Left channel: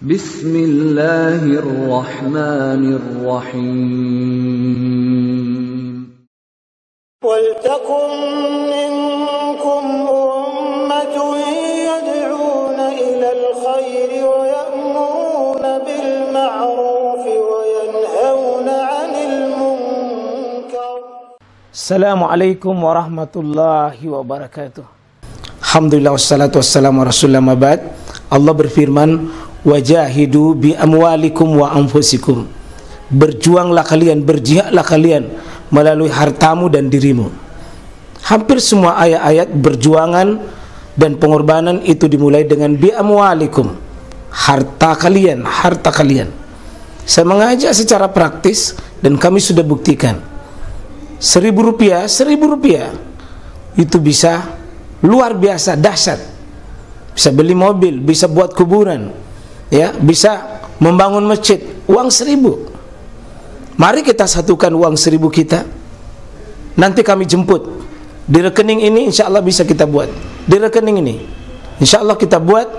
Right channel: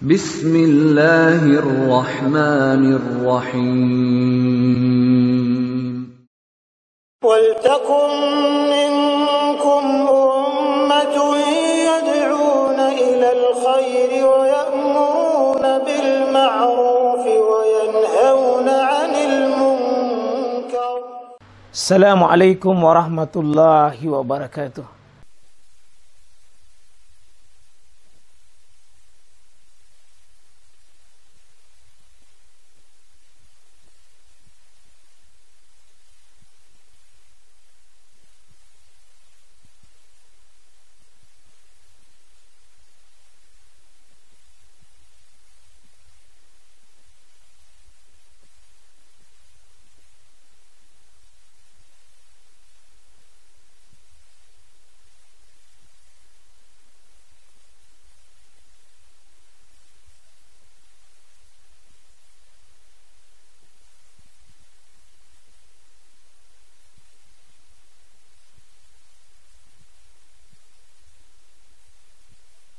Bismillahirrahmanirrahim. وَلْتَكُنْ مِنْكُمْ أُمَّةٌ يَدْعُونَ إِلَى الْخَيْرِ وَيَأْمُرُونَ بِالْمَعْرُوفِ وَيَنْهَوْنَ عَنِ الْمُنْكَرِ. Assalamualaikum warahmatullahi wabarakatuh. Alhamdulillah wassalatu wassalamu ala rasulillah mabad. Allah berfirman, wajahidu bi amwalikum wa anfusikum. Berjuanglah kalian, berjihadlah kalian melalui hartamu dan dirimu. Hampir semua ayat-ayat berjuangan dan pengorbanan itu dimulai dengan bi amwalikum, harta kalian, harta kalian. Saya mengajak secara praktis dan kami sudah buktikan. Rp1.000 itu bisa luar biasa, dahsyat. Bisa beli mobil, bisa buat kuburan, ya, bisa membangun masjid. Uang 1.000. Mari kita satukan uang 1.000 kita. Nanti kami jemput. Di rekening ini insya Allah bisa kita buat. Di rekening ini insya Allah kita buat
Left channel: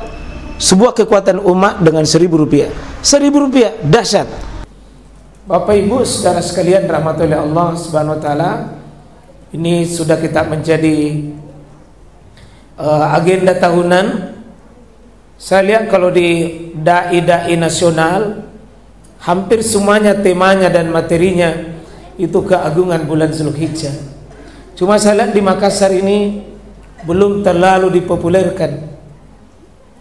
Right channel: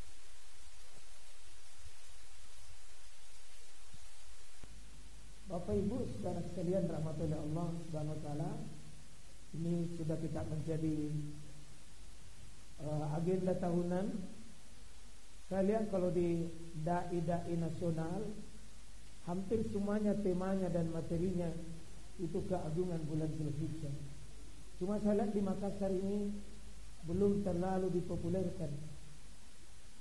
sebuah kekuatan umat dengan Rp1.000. Rp1.000 dahsyat. Bapak Ibu saudara sekalian rahmatullahi Allah subhanahu wa ta'ala, ini sudah kita menjadi agenda tahunan. Saya lihat kalau di dai-dai nasional hampir semuanya temanya dan materinya itu keagungan bulan Zulhijjah. Cuma saya lihat di Makassar ini belum terlalu dipopulerkan.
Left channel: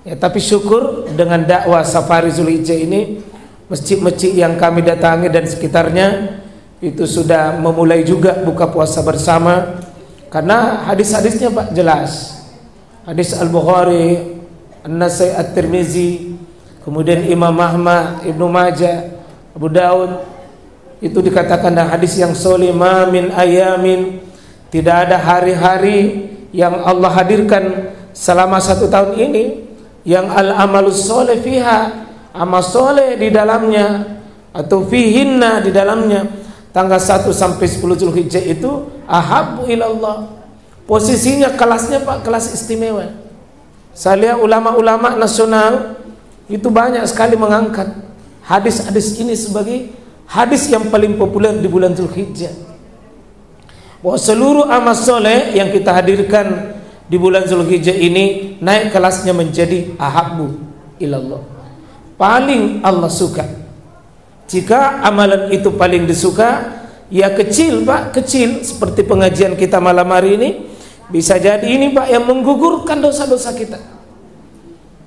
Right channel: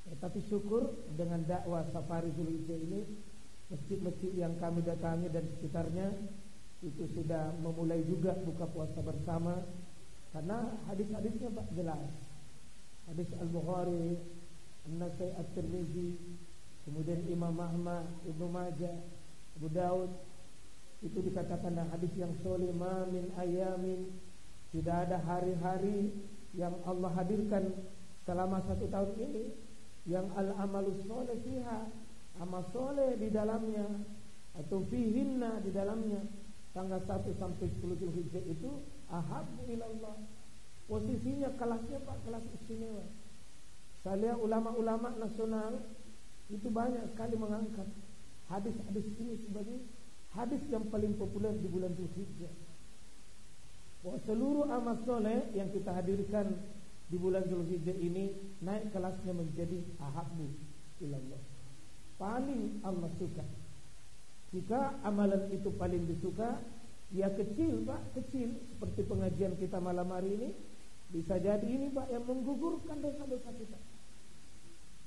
Ya, tapi syukur dengan dakwah Safari Zulhijjah ini, masjid-masjid yang kami datangi dan sekitarnya itu sudah memulai juga buka puasa bersama. Karena hadis-hadisnya Pak jelas. Hadis Al-Bukhari, An-Nasai, At-Tirmizi, kemudian Imam Ahmad, Ibnu Majah, Abu Daud, itu dikatakan dalam hadis yang sahih, ma min ayamin, tidak ada hari-hari yang Allah hadirkan selama 1 tahun ini yang al-amalus soleh fiha, amal soleh di dalamnya, atau fihinna di dalamnya, tanggal 1 sampai 10 Zulhijjah itu ahabbu ilallah. Posisinya kelasnya Pak, kelas istimewa. Saya lihat ulama-ulama nasional itu banyak sekali mengangkat hadis-hadis ini sebagai hadis yang paling populer di bulan Zulhijjah. Bahwa seluruh amal soleh yang kita hadirkan di bulan Zulhijjah ini naik kelasnya menjadi ahabbu ilallah, paling Allah suka. Jika amalan itu paling disuka, ya kecil Pak, kecil seperti pengajian kita malam hari ini, bisa jadi ini Pak yang menggugurkan dosa-dosa kita.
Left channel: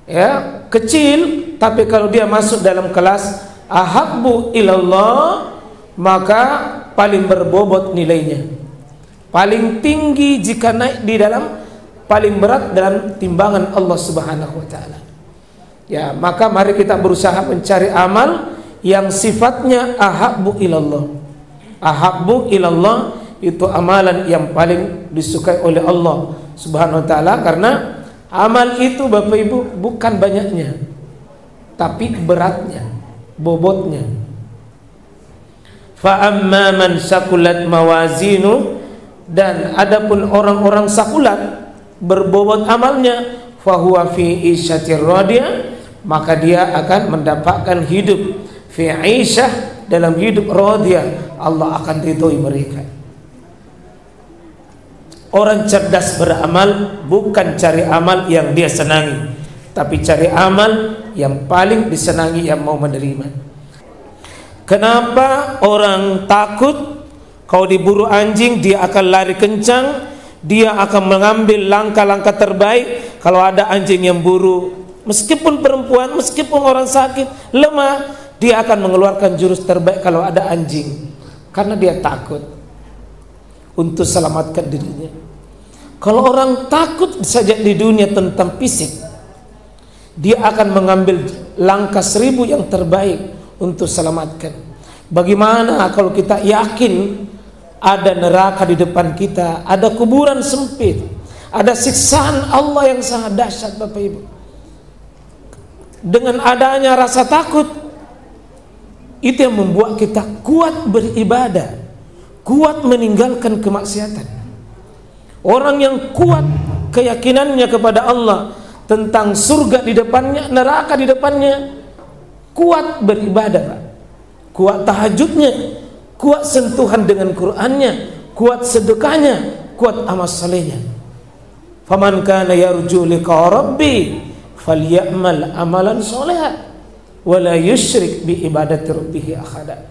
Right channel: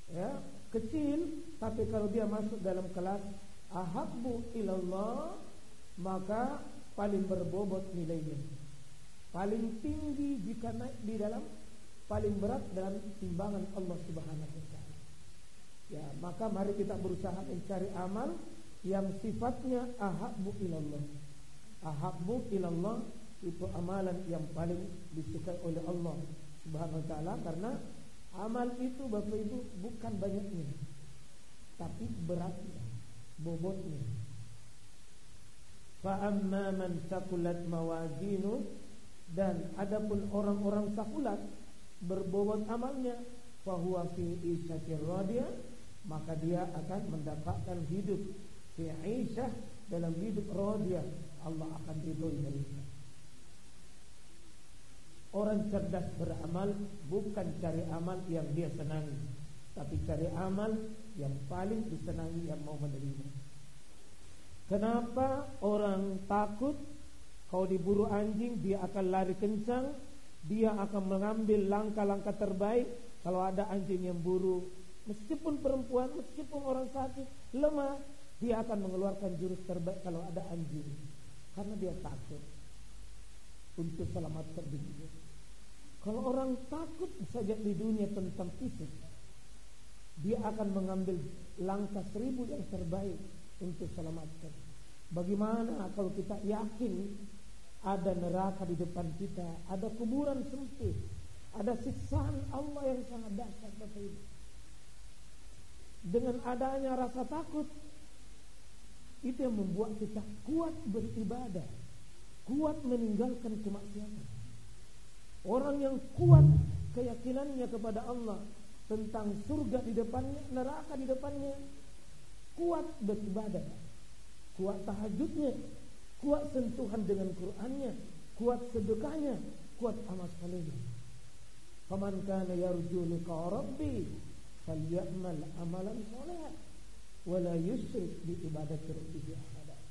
Ya, kecil, tapi kalau dia masuk dalam kelas ahabbu ilallah, maka paling berbobot nilainya, paling tinggi jika naik di dalam, paling berat dalam timbangan Allah Subhanahu wa ta'ala. Ya, maka mari kita berusaha mencari amal yang sifatnya ahabbu ilallah. Ahabbu ilallah itu amalan yang paling disukai oleh Allah Subhanahu wa ta'ala, karena amal itu Bapak Ibu bukan banyaknya, tapi beratnya, bobotnya. Fa amma man sakulat mawazinu, dan adapun orang-orang sakulat berbobot amalnya, fa huwa fi isyatir radiyah, maka dia akan mendapatkan hidup fi isyah, dalam hidup radiyah, Allah akan ridhoi mereka. Orang cerdas beramal bukan cari amal yang dia senangi, tapi cari amal yang paling disenangi, yang mau menerima. Kenapa orang takut? Kalau diburu anjing dia akan lari kencang, dia akan mengambil langkah-langkah terbaik. Kalau ada anjing yang buru, meskipun perempuan, meskipun orang sakit, lemah, dia akan mengeluarkan jurus terbaik kalau ada anjing, karena dia takut untuk selamatkan dirinya. Kalau orang takut saja di dunia tentang fisik, dia akan mengambil langkah 1.000 yang terbaik untuk selamatkan. Bagaimana kalau kita yakin ada neraka di depan kita, ada kuburan sempit, ada siksaan Allah yang sangat dahsyat Bapak Ibu. Dengan adanya rasa takut, itu yang membuat kita kuat beribadah, kuat meninggalkan kemaksiatan. Orang yang kuat keyakinannya kepada Allah, tentang surga di depannya, neraka di depannya, kuat beribadah, Pak. Kuat tahajudnya, kuat sentuhan dengan Qur'annya, kuat sedekahnya, kuat amal salehnya. Faman kana yarju liqa rabbi falyamal amalan sholihan wa la yusyrik bi ibadati rabbih ahada.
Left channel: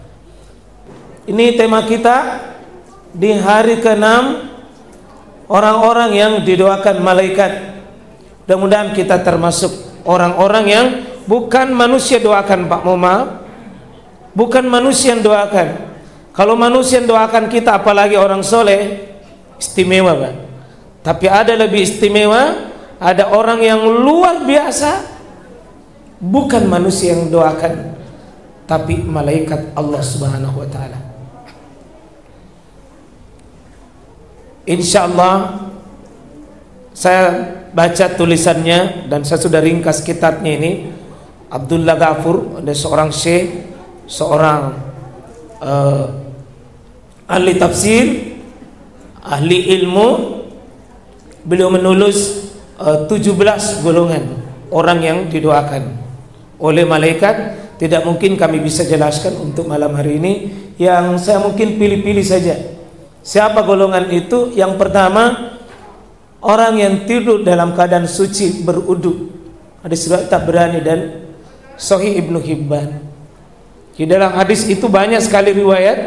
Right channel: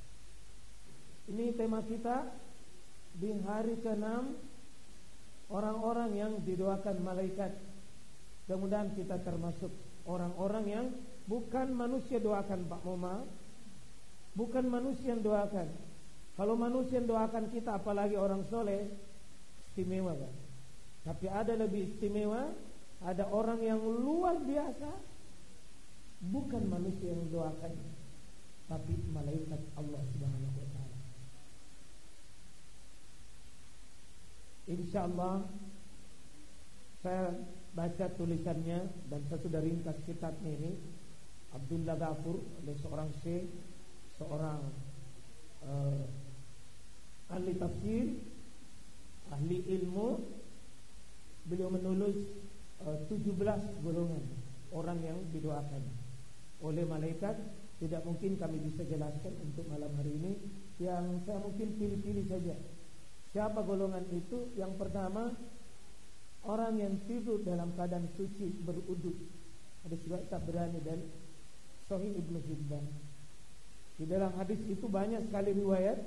Ini tema kita di hari ke-6, orang-orang yang didoakan malaikat. Mudah-mudahan kita termasuk orang-orang yang bukan manusia doakan, Pak, mohon maaf. Bukan manusia yang doakan. Kalau manusia yang doakan kita, apalagi orang soleh, istimewa, Pak. Tapi ada lebih istimewa, ada orang yang luar biasa, bukan manusia yang doakan, tapi malaikat Allah Subhanahu wa ta'ala. Insyaallah saya baca tulisannya dan saya sudah ringkas kitabnya ini. Abdullah Ghafur, ada seorang syekh, seorang ahli tafsir, ahli ilmu. Beliau menulis 17 golongan orang yang didoakan oleh malaikat. Tidak mungkin kami bisa jelaskan untuk malam hari ini. Yang saya mungkin pilih-pilih saja. Siapa golongan itu? Yang pertama, orang yang tidur dalam keadaan suci berudu. Hadis riwayat Tabrani dan Sahih Ibnu Hibban. Di dalam hadis itu banyak sekali riwayat,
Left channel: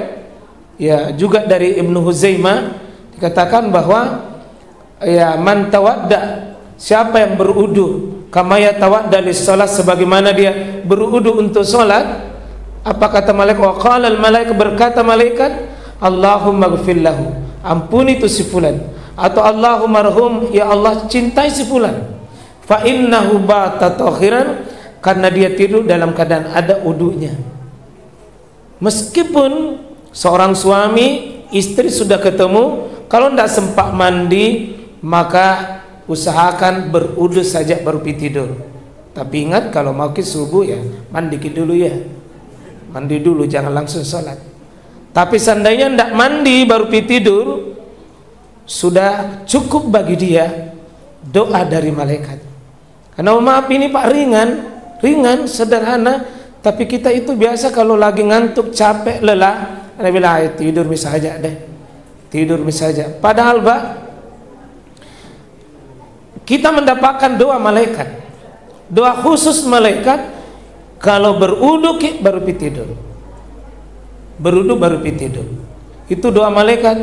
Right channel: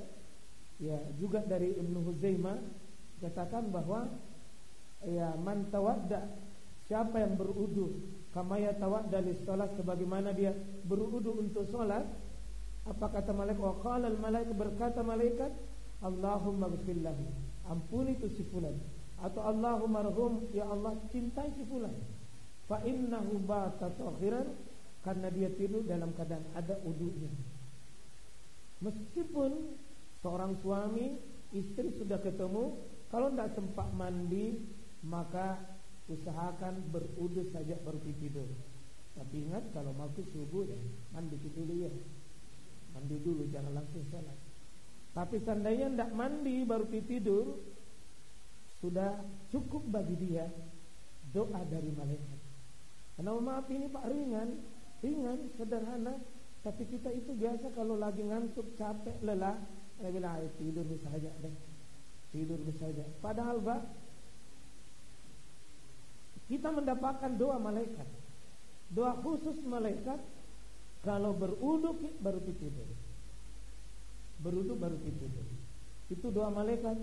ya, juga dari Ibnu Huzaimah dikatakan bahwa ya, man tawadda, siapa yang berudu kama yatawadda lis-salat, sebagaimana dia berudu untuk salat. Apa kata malaikat? Wa qala al-malaikat, berkata malaikat, Allahumma ghfir lahu, ampuni itu si fulan, atau Allahumma arhum, ya Allah cintai si fulan, fa innahu bata tahiran, karena dia tidur dalam keadaan ada wudunya. Meskipun seorang suami istri sudah ketemu, kalau tidak sempat mandi, maka usahakan berudu saja baru pergi tidur. Tapi ingat, kalau mau ke subuh ya mandi dulu ya. Mandi dulu, jangan langsung sholat. Tapi seandainya tidak mandi baru pergi tidur, sudah cukup bagi dia doa dari malaikat. Karena maaf ini Pak, ringan, sederhana. Tapi kita itu biasa kalau lagi ngantuk, capek, lelah, Anda bilang tidur misalnya deh, tidur misalnya. Padahal Pak, kita mendapatkan doa malaikat, doa khusus malaikat. Kalau berudu baru tidur, berudu baru tidur. Itu doa malaikat.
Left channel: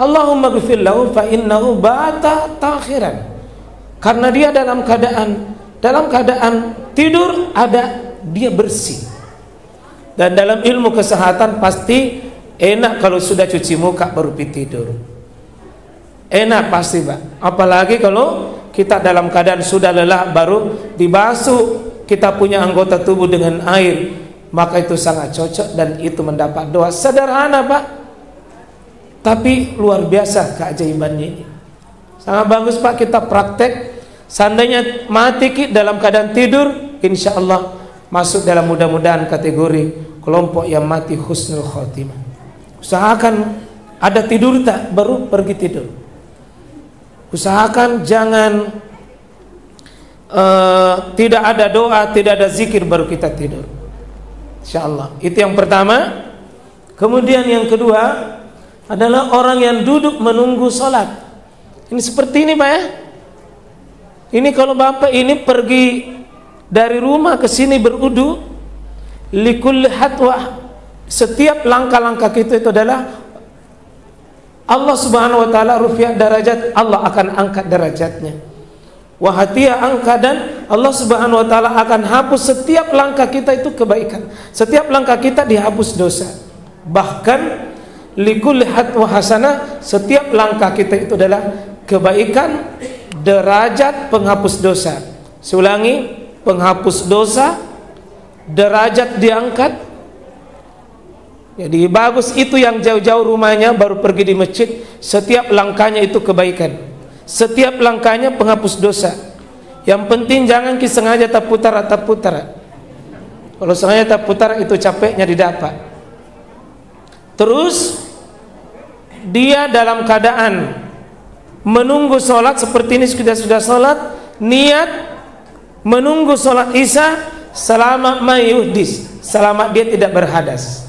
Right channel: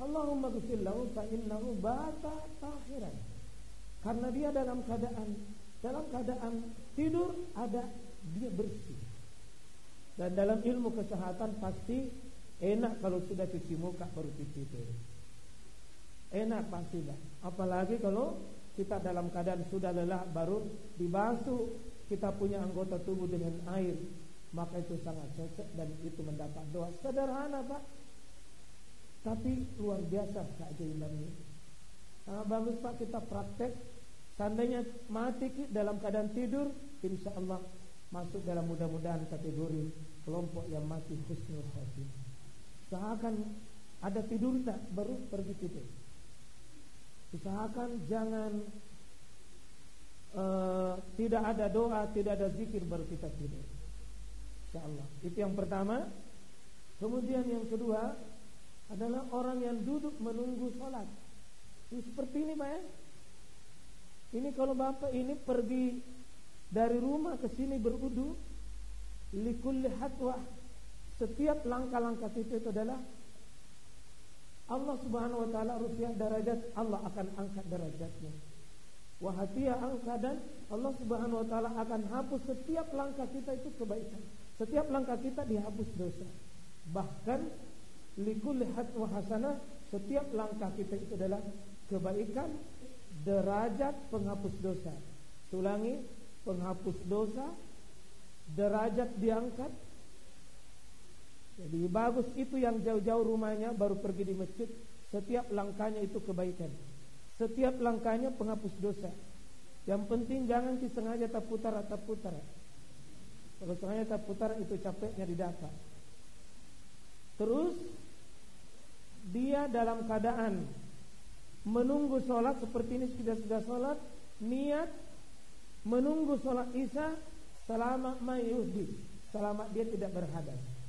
Allahumma ghfir lahu fa innahu bata takhiran, karena dia dalam keadaan tidur ada, dia bersih. Dan dalam ilmu kesehatan pasti enak kalau sudah cuci muka baru tidur. Enak pasti Pak. Apalagi kalau kita dalam keadaan sudah lelah baru dibasuh kita punya anggota tubuh dengan air, maka itu sangat cocok dan itu mendapat doa. Sederhana Pak, tapi luar biasa keajaibannya ini. Sangat bagus Pak, kita praktek. Seandainya mati dalam keadaan tidur, insya Allah masuk dalam mudah-mudahan kategori kelompok yang mati husnul khotimah. Usahakan ada tidur tak baru pergi tidur. Usahakan jangan tidak ada doa, tidak ada zikir baru kita tidur. InsyaAllah. Itu yang pertama. Kemudian yang kedua adalah orang yang duduk menunggu sholat. Ini seperti ini Pak ya. Ini kalau Bapak ini pergi dari rumah ke sini berudu, likulli hatwah, setiap langkah-langkah kita itu adalah Allah Subhanahu wa taala rufi'a darajat, Allah akan angkat derajatnya. Wa hatiya angka, dan Allah Subhanahu wa taala akan hapus setiap langkah kita itu kebaikan. Setiap langkah kita dihapus dosa. Bahkan likulli hatwa hasanah, setiap langkah kita itu adalah kebaikan, derajat penghapus dosa. Seulangi, penghapus dosa, derajat diangkat. Jadi bagus itu yang jauh-jauh rumahnya baru pergi di masjid, setiap langkahnya itu kebaikan, setiap langkahnya penghapus dosa. Yang penting jangan sengaja terputar. Kalau sengaja terputar itu capeknya didapat. Terus dia dalam keadaan menunggu sholat seperti ini, sudah sholat, niat menunggu sholat isya, selama mayuhdis, selama dia tidak berhadas.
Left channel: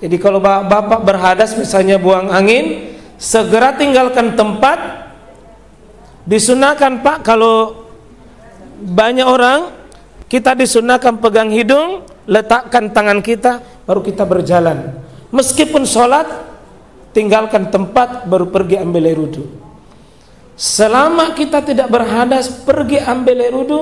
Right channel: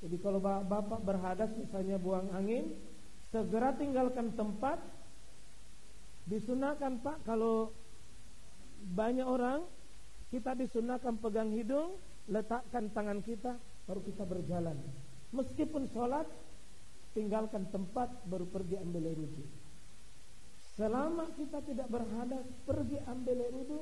Jadi kalau bapak berhadas misalnya buang angin, segera tinggalkan tempat. Disunahkan Pak, kalau banyak orang, kita disunahkan pegang hidung, letakkan tangan kita, baru kita berjalan. Meskipun sholat, tinggalkan tempat, baru pergi ambil air wudu. Selama kita tidak berhadas, pergi ambil air wudu,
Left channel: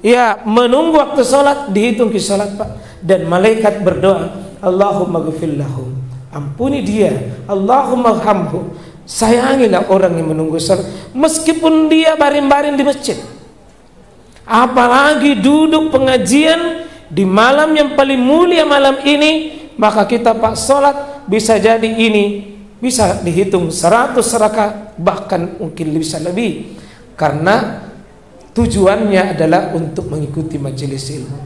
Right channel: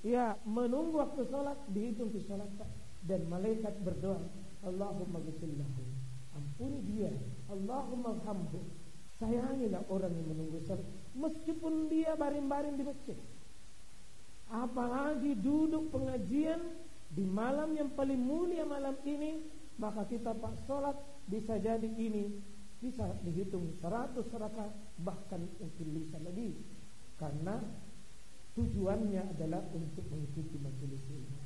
ya menunggu waktu sholat, dihitung ke sholat Pak. Dan malaikat berdoa, Allahumma ghfir lahu, ampuni dia, Allahumma arhamhu, sayangilah orang yang menunggu sholat, meskipun dia baring-baring di masjid. Apalagi duduk pengajian di malam yang paling mulia malam ini, maka kita Pak sholat bisa jadi ini bisa dihitung 100 rakaat, bahkan mungkin bisa lebih, karena tujuannya adalah untuk mengikuti majelis ilmu.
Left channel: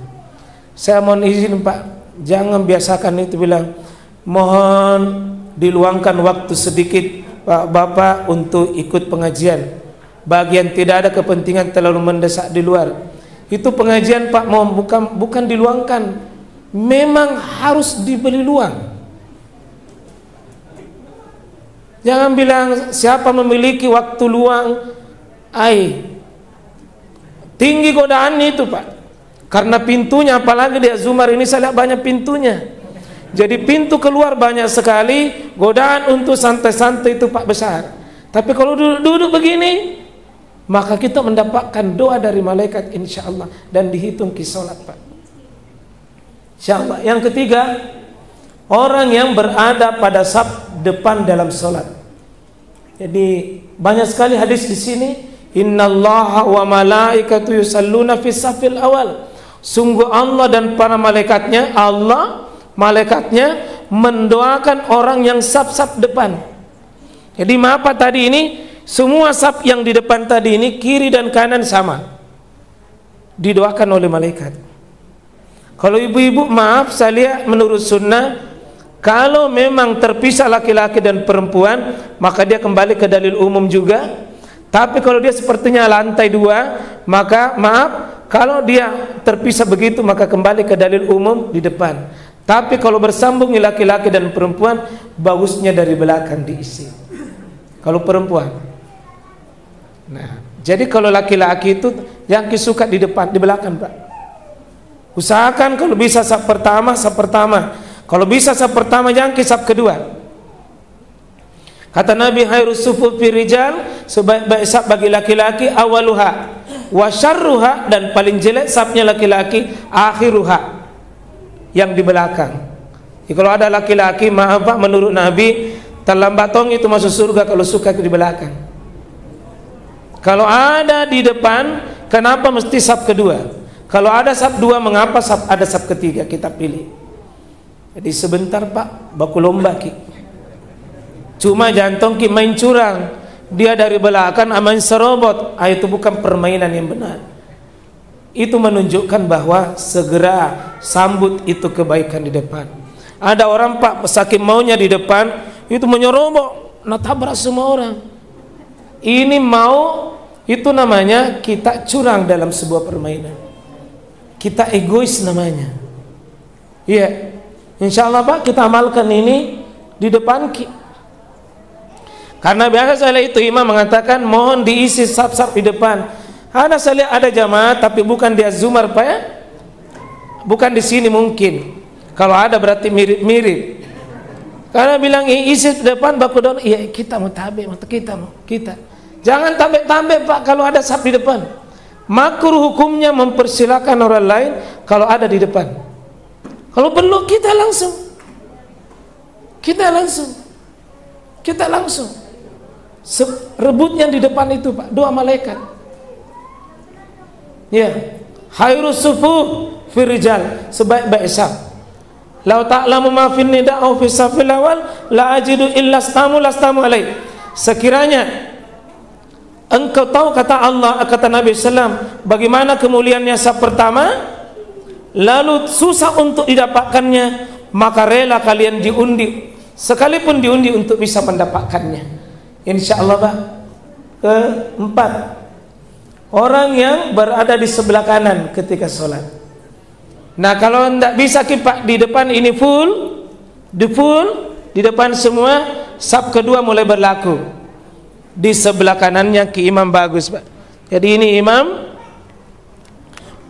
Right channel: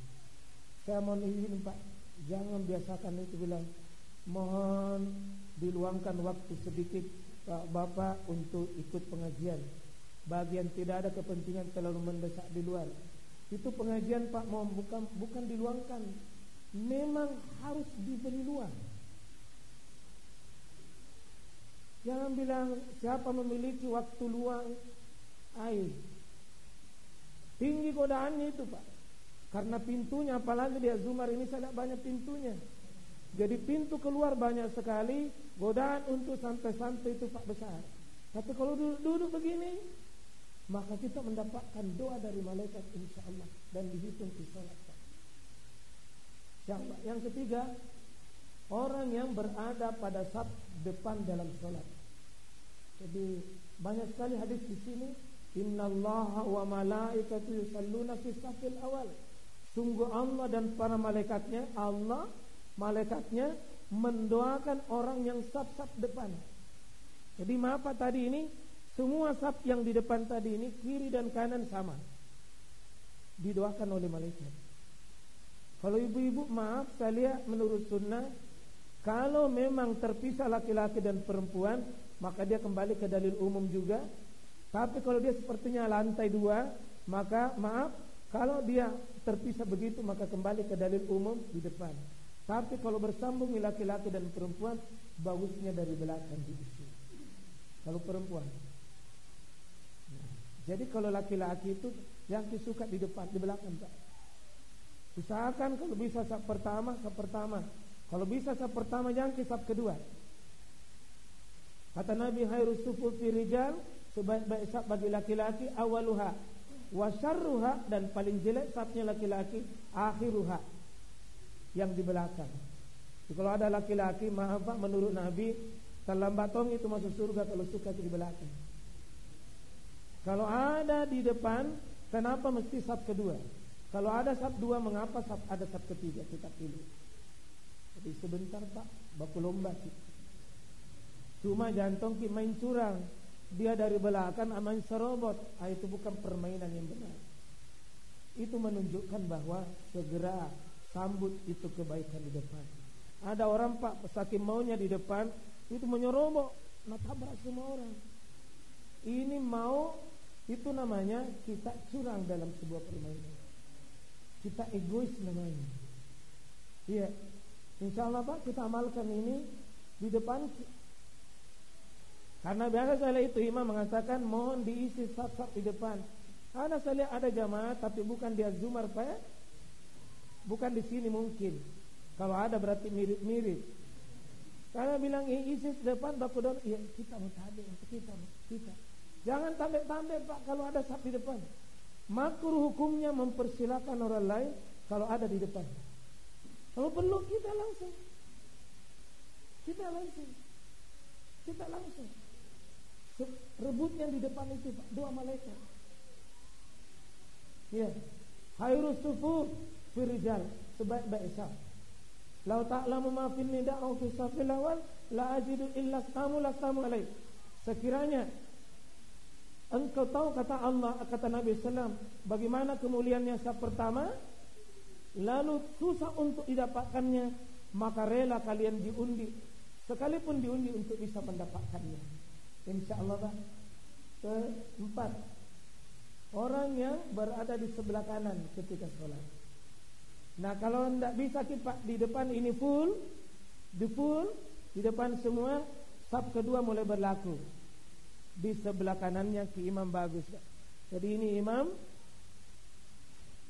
Saya mohon izin Pak, jangan biasakan itu bilang mohon diluangkan waktu sedikit Pak Bapak untuk ikut pengajian. Bagian tidak ada kepentingan terlalu mendesak di luar. Itu pengajian Pak mau bukan diluangkan, memang harus diberi luang. Jangan bilang siapa memiliki waktu luang, tinggi godaan itu Pak. Karena pintunya, apalagi di Azumar ini saya lihat banyak pintunya. Jadi pintu keluar banyak sekali, godaan untuk santai-santai itu Pak besar. Tapi kalau duduk begini, maka kita mendapatkan doa dari malaikat insya Allah, dan dihitung ke sholat Pak. Insya Allah. Yang ketiga, orang yang berada pada saf depan dalam sholat. Jadi banyak sekali hadis di sini. Innallaha wa malaikatu yusalluna fis safil awal. Sungguh Allah dan para malaikatnya, malaikatnya mendoakan orang yang saf-saf depan. Jadi apa tadi ini? Semua saf yang di depan tadi ini, kiri dan kanan sama, didoakan oleh malaikat. Kalau ibu-ibu, maaf saya lihat menurut sunnah, kalau memang terpisah laki-laki dan perempuan, maka dia kembali ke dalil umum juga. Tapi kalau dia sepertinya lantai 2, maka maaf, kalau dia terpisah begitu, maka kembali ke dalil umum di depan. Tapi kalau bersambung laki-laki dan perempuan, bagusnya dari belakang diisi. Kalau perempuan. Nah, jadi kalau laki-laki itu yang suka di depan, di belakang Pak. Usahakan kalau bisa saf pertama. Kalau bisa saf pertama, jangan ke saf kedua. Kata Nabi, khairus sufuf fi rijal, sebaik-baik saf bagi laki-laki awaluha wa syarruha, dan paling jelek safnya laki-laki akhiruha, yang di belakang. Jadi kalau ada laki-laki, maaf Pak, menurut Nabi terlambat tong itu masuk surga kalau suka di belakang. Kalau ada di depan, kenapa mesti saf kedua? Kalau ada saf 2, mengapa ada saf ketiga? Kita pilih. Jadi sebentar Pak, baku lomba ki. Cuma jantung ki main curang, dia dari belakang main serobot. Itu bukan permainan yang benar. Itu menunjukkan bahwa segera sambut itu kebaikan di depan. Ada orang Pak, saking maunya di depan, itu menyerobot, tabrak semua orang. Ini mau, itu namanya kita curang dalam sebuah permainan. Kita egois namanya. Iya, insya Allah Pak, kita amalkan ini di depan ki. Karena biasa saya lihat itu imam mengatakan mohon diisi saf-saf di depan. Saya lihat ada jamaah tapi bukan di Azumar Pak ya. Bukan di sini mungkin. Kalau ada berarti mirip-mirip. Karena bilang isi di depan baku daun, iya kita mau tabe, kita. Jangan tabe-tabe Pak kalau ada saf di depan. Makruh hukumnya mempersilakan orang lain kalau ada di depan. Kalau perlu kita langsung. Rebutnya di depan itu Pak, doa malaikat. Ya, khairus sufuf fi rijal, sebaik-baik saf. Lau ta'lamu ma fin nida au fi safil awal la ajidu illa lastamu alaih. Sekiranya engkau tahu, kata Allah, kata Nabi sallam, bagaimana kemuliaannya saf pertama, lalu susah untuk didapatkannya, maka rela kalian diundi, sekalipun diundi untuk bisa mendapatkannya. Insya Allah Pak. Keempat, orang yang berada di sebelah kanan ketika sholat. Nah, kalau tidak bisa Pak di depan ini full di depan semua, saf kedua mulai berlaku. Di sebelah kanannya ke imam bagus, Pak. Jadi ini imam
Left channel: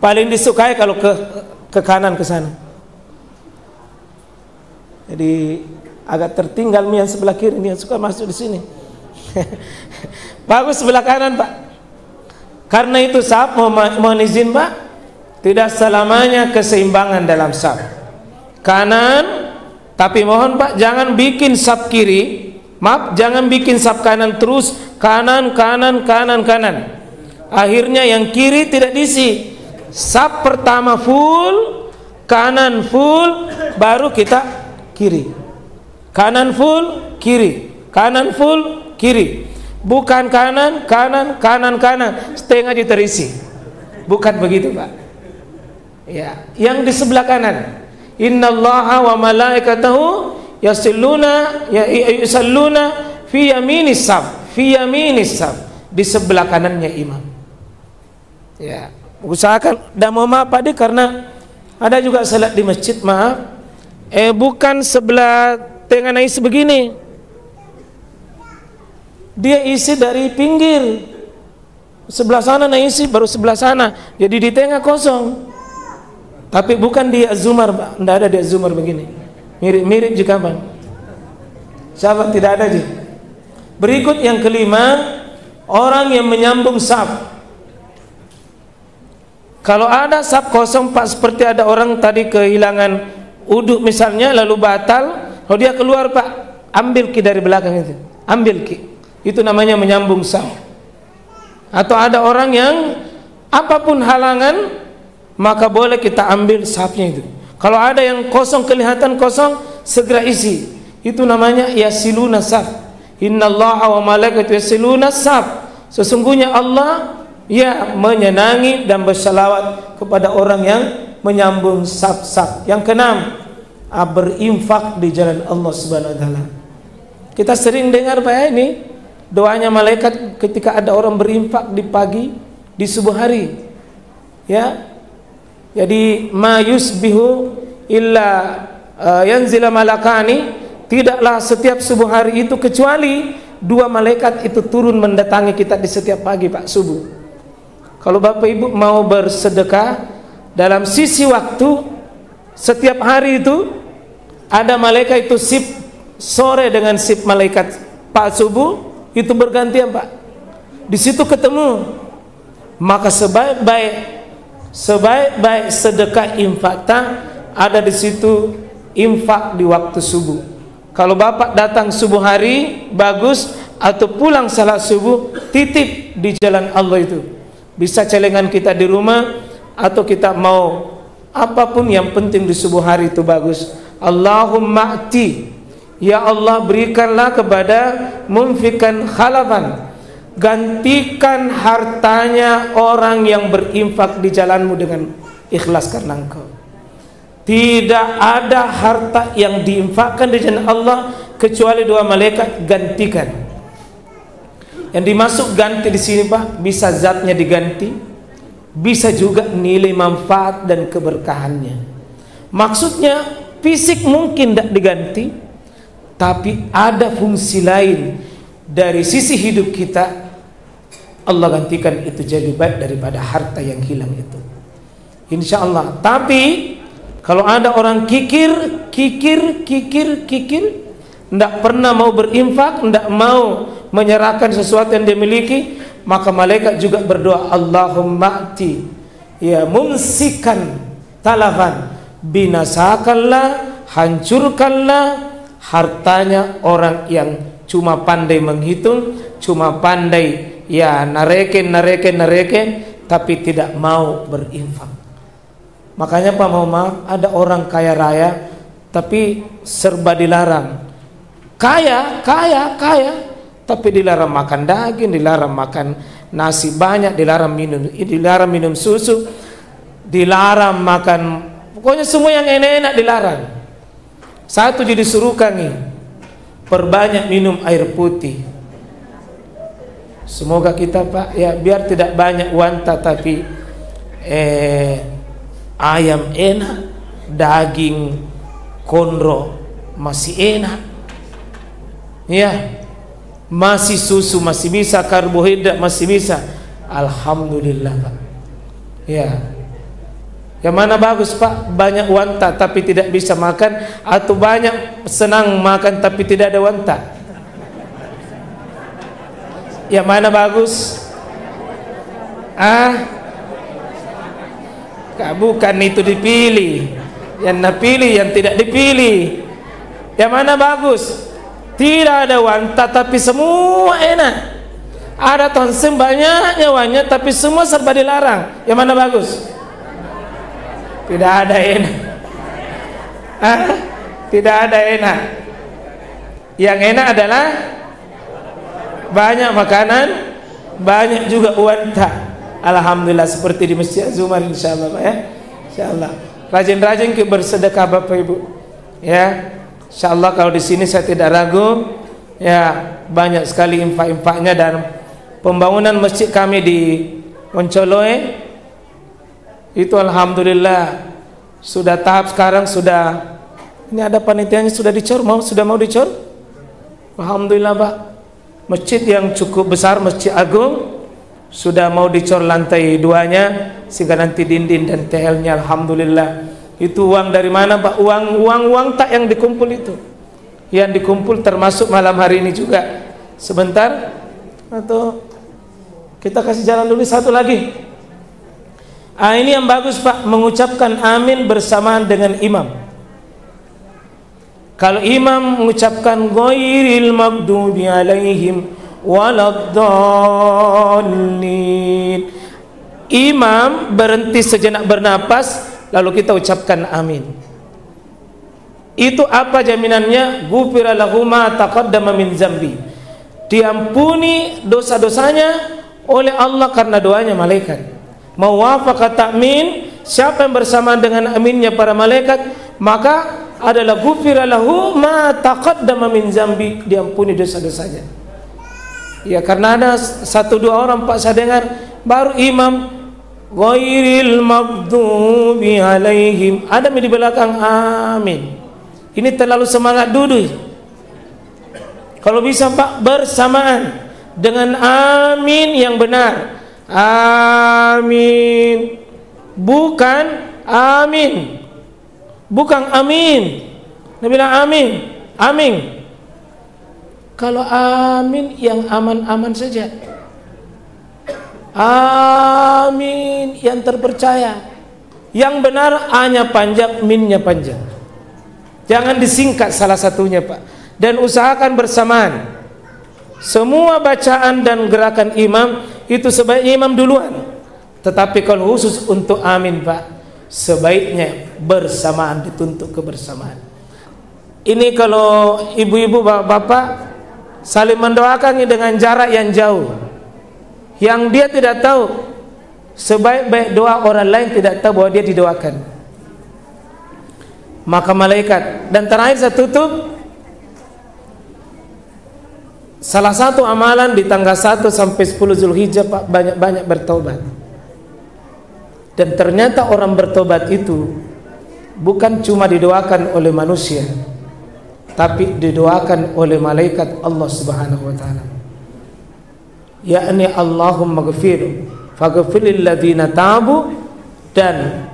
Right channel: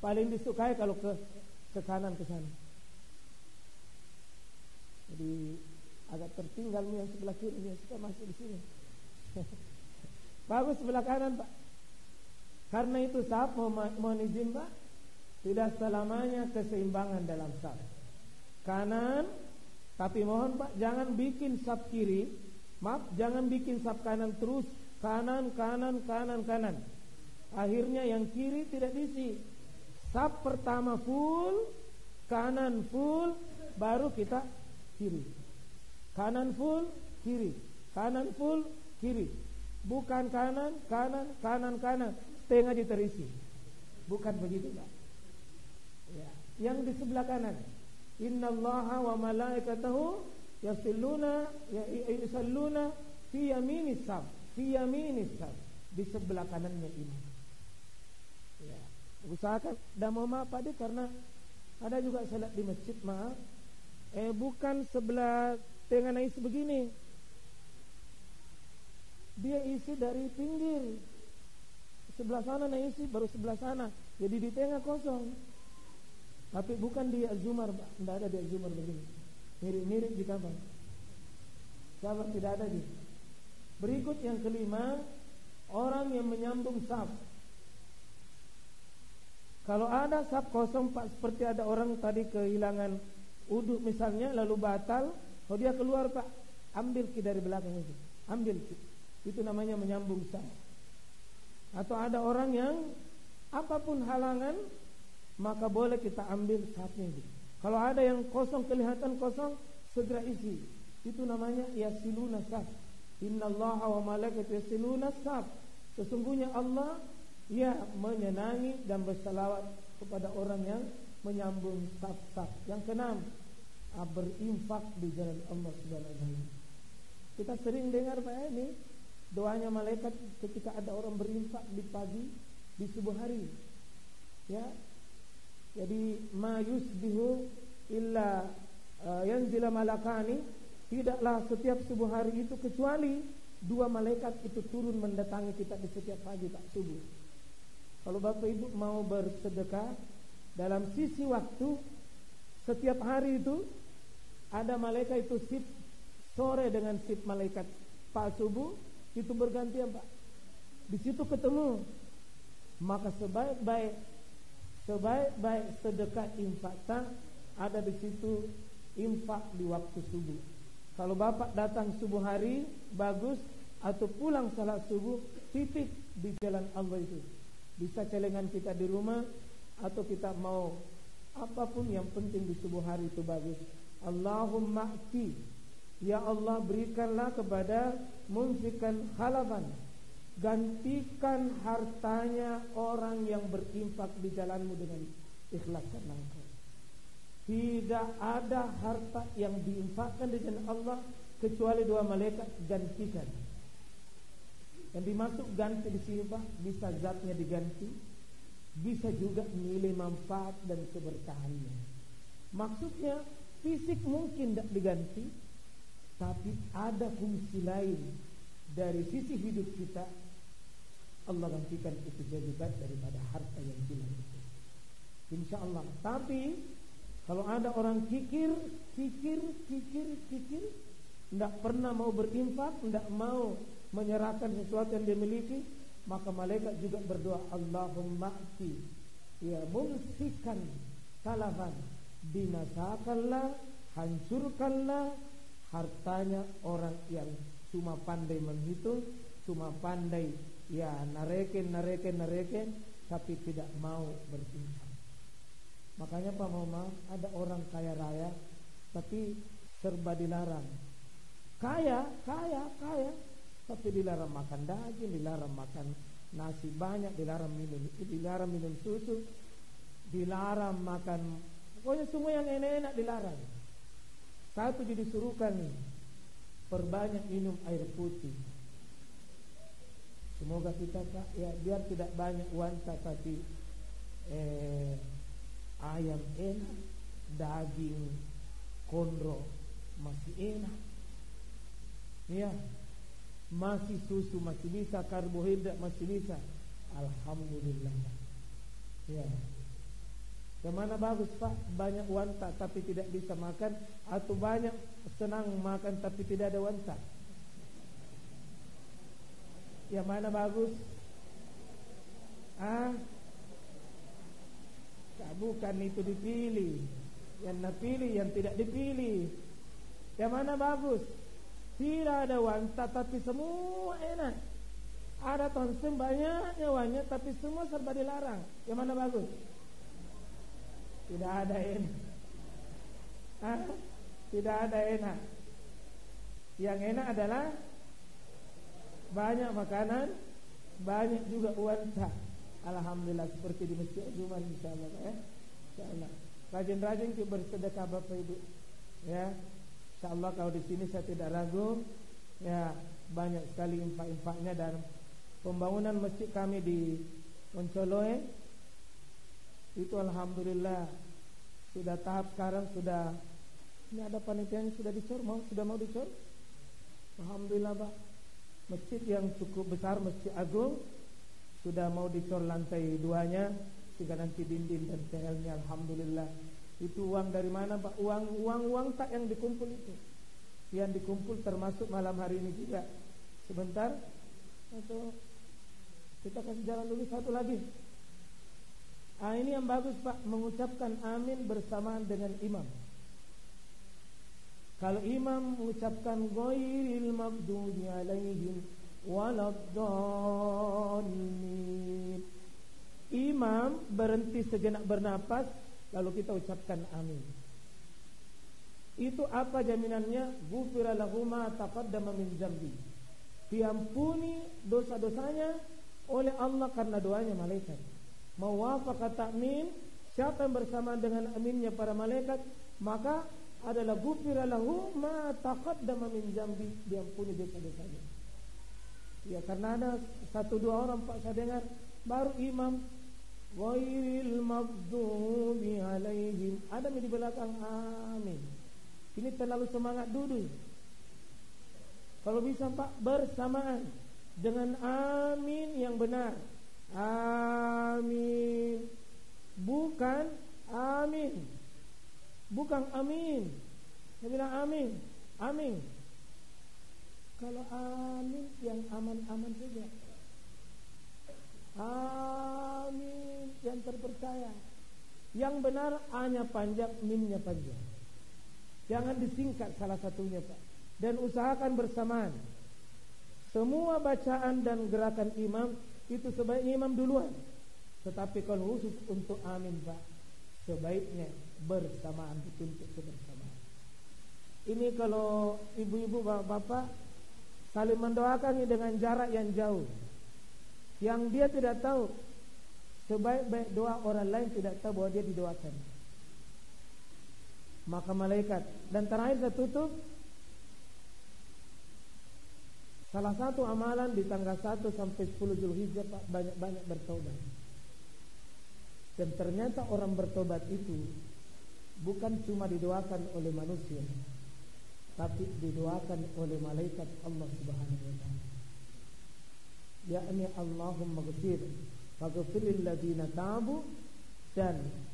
paling disukai kalau ke kanan ke sana. Jadi agak tertinggal yang sebelah kiri, yang suka masuk di sini. Bagus sebelah kanan, Pak. Karena itu saf, mohon izin, Pak, tidak selamanya keseimbangan dalam saf. Kanan, tapi mohon Pak jangan bikin saf kiri, maaf, jangan bikin saf kanan terus kanan. Akhirnya yang kiri tidak diisi. Saf pertama full, kanan full, baru kita kiri. Kanan full, kiri. Kanan full, kiri. Bukan kanan, setengah aja terisi. Bukan begitu, Pak. Ya, yang di sebelah kanan. Innallaha wa malaikatahu yusalluna fi yaminis saf, di sebelah kanannya imam. Ya, usahakan. Dan mau maaf Pak, karena ada juga salat di masjid, maaf, bukan sebelah tengah isi begini. Dia isi dari pinggir. Sebelah sana isi, baru sebelah sana. Jadi di tengah kosong. Tapi bukan di Az-Zumar, Pak. Tidak ada di Az-Zumar begini. Mirip juga, Bang. Sahabat tidak ada juga. Berikut yang kelima, orang yang menyambung saf. Kalau ada saf kosong, Pak, seperti ada orang tadi kehilangan uduk misalnya, lalu batal, kalau dia keluar, Pak, ambil ki dari belakang itu. Ambil ki. Itu namanya menyambung saf. Atau ada orang yang apapun halangan, maka boleh kita ambil safnya itu. Kalau ada yang kosong, kelihatan kosong, segera isi. Itu namanya yasiluna saf. Innallaha wa malaikatahu yasiluna saf. Sesungguhnya Allah menyenangi dan bersalawat kepada orang yang menyambung saf-saf. Yang keenam, berinfak di jalan Allah Subhanahu wa taala. Kita sering dengar Pak ini doanya malaikat ketika ada orang berinfak di pagi, di subuh hari. Ya. Jadi ma yusbihu illa yanzila malakani, tidaklah setiap subuh hari itu kecuali dua malaikat itu turun mendatangi kita di setiap pagi, Pak, subuh. Kalau Bapak Ibu mau bersedekah dalam sisi waktu, setiap hari itu ada malaikat itu sip sore dengan sip malaikat Pak subuh itu bergantian, Pak. Di situ ketemu. Maka sebaik-baik sedekah infak ada di situ, infak di waktu subuh. Kalau Bapak datang subuh hari bagus, atau pulang salat subuh titip di jalan Allah itu. Bisa celengan kita di rumah, atau kita mau apapun yang penting di subuh hari itu bagus. Allahumma ati, ya Allah berikanlah kepada munfikan khalafan, gantikan hartanya orang yang berinfak di jalanmu dengan ikhlas karena engkau. Tidak ada harta yang diinfakkan di jalan Allah kecuali dua malaikat gantikan. Yang dimasuk ganti di sini, Pak, bisa zatnya diganti, bisa juga nilai manfaat dan keberkahannya. Maksudnya fisik mungkin tidak diganti, tapi ada fungsi lain dari sisi hidup kita. Allah gantikan itu jadi baik daripada harta yang hilang itu, insya Allah. Tapi kalau ada orang kikir, tidak pernah mau berinfak, tidak mau menyerahkan sesuatu yang dia miliki, maka malaikat juga berdoa, Allahumma ati, ya mumsikan talafan, binasakanlah, hancurkanlah hartanya orang yang cuma pandai menghitung, cuma pandai nareken, tapi tidak mau berinfak. Makanya Pak, mau maaf, ada orang kaya raya tapi serba dilarang. Kaya, tapi dilarang makan daging, dilarang makan nasi banyak, dilarang minum susu, dilarang makan, pokoknya semua yang enak-enak dilarang. Satu jadi suruhkan nih, perbanyak minum air putih. Semoga kita Pak ya biar tidak banyak wanta tapi ayam enak, daging kondro masih enak. Ya. Masih susu masih bisa, karbohidrat masih bisa. Alhamdulillah Pak. Ya. Yang mana bagus Pak? Banyak wanta tapi tidak bisa makan, atau banyak senang makan tapi tidak ada wanta? Yang mana bagus? Bukan itu dipilih. Yang napilih, yang tidak dipilih. Yang mana bagus? Tidak ada wanta tapi semua enak. Ada tonsen banyak nyawanya tapi semua serba dilarang. Yang mana bagus? Tidak ada enak. Tidak ada enak. Yang enak adalah banyak makanan, banyak juga wanta. Alhamdulillah, seperti di Masjid Zumar insyaallah Pak ya. Insyaallah. Rajin-rajin bersedekah Bapak Ibu. Ya. Insyaallah kalau di sini saya tidak ragu ya, banyak sekali infak-infaknya. Dan pembangunan masjid kami di Woncoloe itu alhamdulillah sudah tahap sekarang, sudah ini ada panitianya sudah dicor, sudah mau dicor. Alhamdulillah Pak. Masjid yang cukup besar, Masjid Agung, sudah mau dicor lantai 2-nya sehingga nanti dinding dan TL-nya alhamdulillah. Itu uang dari mana Pak? Uang tak yang dikumpul itu. Yang dikumpul termasuk malam hari ini juga. Sebentar, atau kita kasih jalan dulu satu lagi. Ini yang bagus Pak, mengucapkan amin bersamaan dengan imam. Kalau imam mengucapkan ghairil maghdubi alaihim waladdallin, imam berhenti sejenak bernapas, lalu kita ucapkan amin. Itu apa jaminannya? Ghufira lahu ma taqaddama min zambi, diampuni dosa-dosanya oleh Allah karena doanya malaikat. Mawafaqat ta'min, siapa yang bersamaan dengan aminnya para malaikat, maka adalah ghufira lahu ma taqaddama min zambi, diampuni dosa-dosanya. Ya, karena ada 1-2 orang Pak saya dengar baru imam ghairil maghdubi alaihim, ada di belakang amin. Ini terlalu semangat duduk. Kalau bisa Pak bersamaan dengan amin yang benar. Amin. Bukan amin. Bukan amin. Dia bilang amin. Amin. Kalau amin yang aman-aman saja. Amin yang terpercaya. Yang benar A-nya panjang, min-nya panjang. Jangan disingkat salah satunya Pak. Dan usahakan bersamaan. Semua bacaan dan gerakan imam itu sebaiknya imam duluan. Tetapi kalau khusus untuk amin Pak, sebaiknya bersamaan, dituntut kebersamaan. Ini kalau ibu-ibu bapak-bapak saling mendoakan dengan jarak yang jauh, yang dia tidak tahu, sebaik-baik doa orang lain tidak tahu bahwa dia didoakan, maka malaikat. Dan terakhir saya tutup, salah satu amalan di tanggal 1 sampai 10 Zulhijjah Pak, banyak-banyak bertobat. Dan ternyata orang bertobat itu bukan cuma didoakan oleh manusia, tapi didoakan oleh malaikat Allah Subhanahu wa taala. Yakni Allahumma ghfir faghfir lil ladzina tabu, dan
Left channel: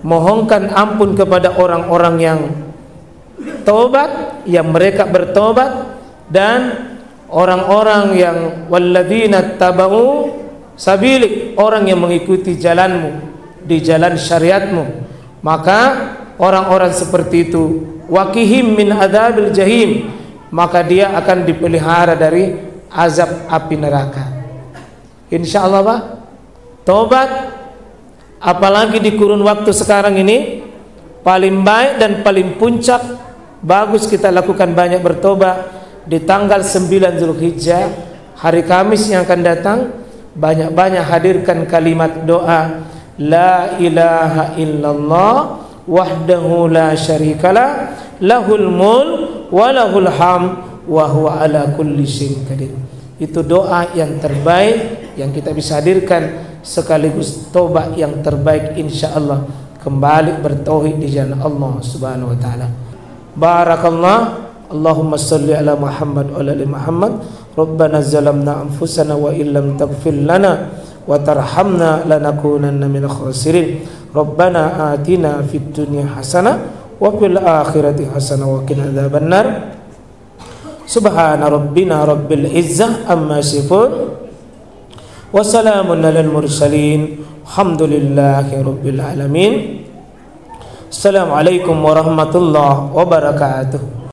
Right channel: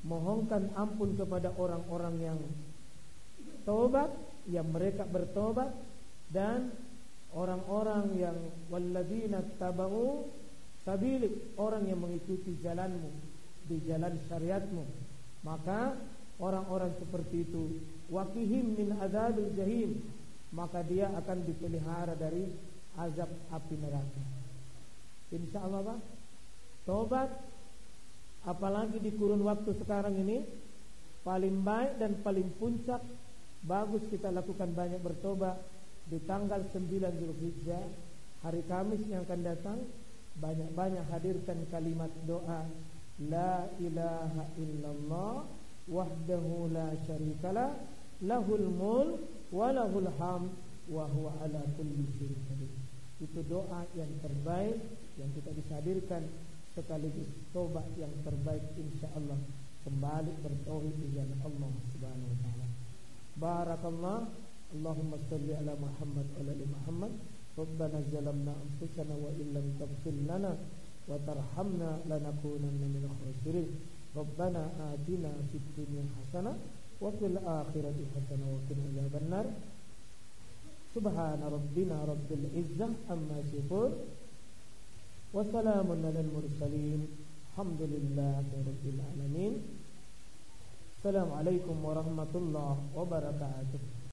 mohonkan ampun kepada orang-orang yang tobat, yang mereka bertobat, dan orang-orang yang walladzina tabau sabilik, orang yang mengikuti jalanmu, di jalan syariatmu. Maka orang-orang seperti itu waqihim min adzabil jahim, maka dia akan dipelihara dari azab api neraka. Insyaallah Pak, tobat apalagi di kurun waktu sekarang ini paling baik dan paling puncak, bagus kita lakukan banyak bertobat di tanggal 9 Zulhijjah, hari Kamis yang akan datang. Banyak-banyak hadirkan kalimat doa la ilaha illallah wahdahu la syarikalah lahul mulk wa lahul hamd wa huwa ala kulli syai'in qadir. Itu doa yang terbaik yang kita bisa hadirkan, sekaligus tobat yang terbaik insyaallah, kembali bertauhid di jalan Allah Subhanahu wa taala. Barakallah. Allahumma salli ala Muhammad wa ala ali Muhammad. Rabbana zalamna anfusana wa illam taghfir lana wa tarhamna lanakunanna minal khasirin. Rabbana atina fid dunya hasanah wa fil akhirati hasanah wa qina adzabannar. Subhana rabbina rabbil izzah amma yasifun wa salamun alal mursalin. Alhamdulillahi rabbil alamin. Assalamualaikum warahmatullahi wabarakatuh.